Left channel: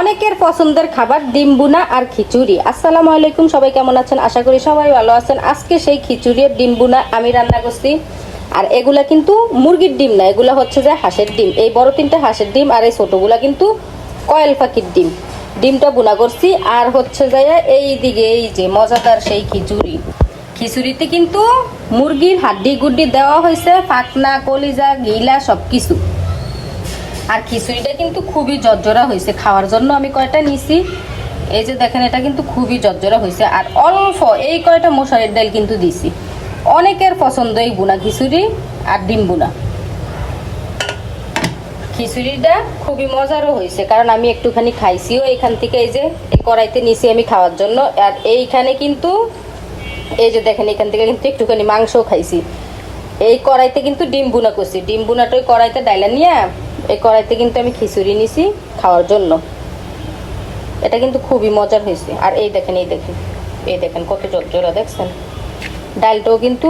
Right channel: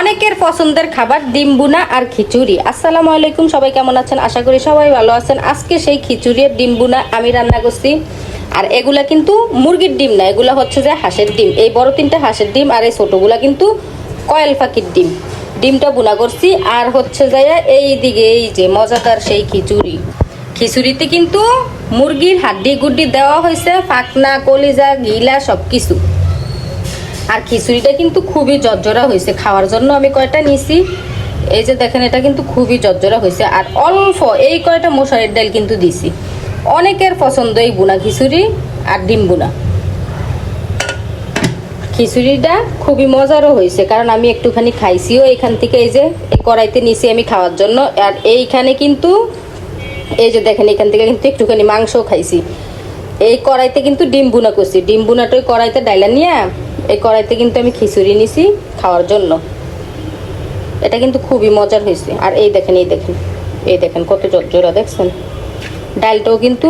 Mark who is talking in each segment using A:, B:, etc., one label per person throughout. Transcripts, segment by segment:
A: অনেকের পছন্দের খাবার ডিম বুনা আর খিচুড়ি। আসসালামু আলাইকুম, সবাই কেমন আছেন? আশা করি সবাই ভালো আছেন। আজকে সেই খিচুড়ি ডিম বুনা আমি রান্না করছি। আর এগুলা কিন্তু মুরগির ডিম না, এগুলা হচ্ছে যে হাঁসের ডিম। এই বড় তিনটা হাঁসের ডিম আর এই ছোটগুলা কিন্তু কয়েল পাখির ডিম। ডিমটা বুনা করছি আর হচ্ছে যায় এই দিকে এই যে মজাদার সেই খিচুড়ি। খিচুড়িতে কিন্তু মুরগির হাড্ডি গুড্ডি দেওয়া হয়েছে, ফাকনা, কলিজা, গিলা সব কিছু আর খিচুড়িটা কিন্তু খুবই জর্জরা হয়েছে। খাওয়ার জন্য আমি কয়টা নিছি? এই যে দেখেন, এটা কিন্তু খুবই জর্জরা হয়েছে। আর অল্প এই কয়টা মশারির ডাল কিন্তু দিছি। অনেকের পছন্দ এই বুনা খিচুড়ি আর ডিম বুনা খিচুড়িটা খুবই মজারও হয়েছে, কারণ আমি একটুখানি খাইছিও এখান থেকে। এই যে কড়াইতে নিছি আমি খাওয়ার জন্য। আর এইখানে কিন্তু, এই যে দেখেন, এখান থেকে কিন্তু একটুখানি মাংসও খাইছি। এই কড়াইতে কিন্তু ডিম বুনা করছি। ডিম বুনাটা ওই কড়াইতে ডাইলা নিয়ে, এই কড়াইতে কিন্তু আমি খিচুড়ি নিছি খাওয়ার জন্য। এটা কিন্তু খুবই মজার হয়েছে। আর এই দেখেন এই দেখেন এই দেখেন কত জোরা দেখছেন? ডালটাও কিন্তু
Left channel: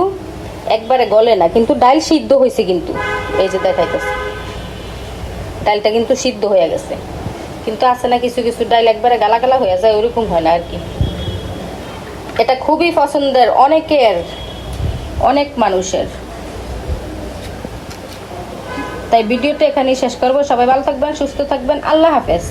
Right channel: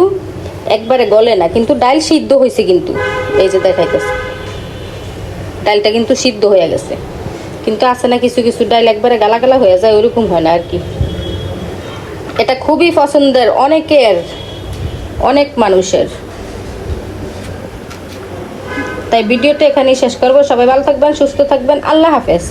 A: একবারে গলে না, কিন্তু ডাল সিদ্ধ হয়েছে কিন্তু। এই যে দেখাইতেছে। ডালটা কিন্তু সিদ্ধ হয়ে গেছে। কিন্তু আছে না কিছু কিছু ডাল একবারে গালা গালা হয়ে যায়, ওরকম হয় না আর কি। এটা খুবই পছন্দের, অনেকের অনেক মানুষের। তাই ভিডিওটা এখানেই শেষ করব। সবাই ভালো থাকবেন সুস্থ থাকবেন। আল্লাহ হাফেজ।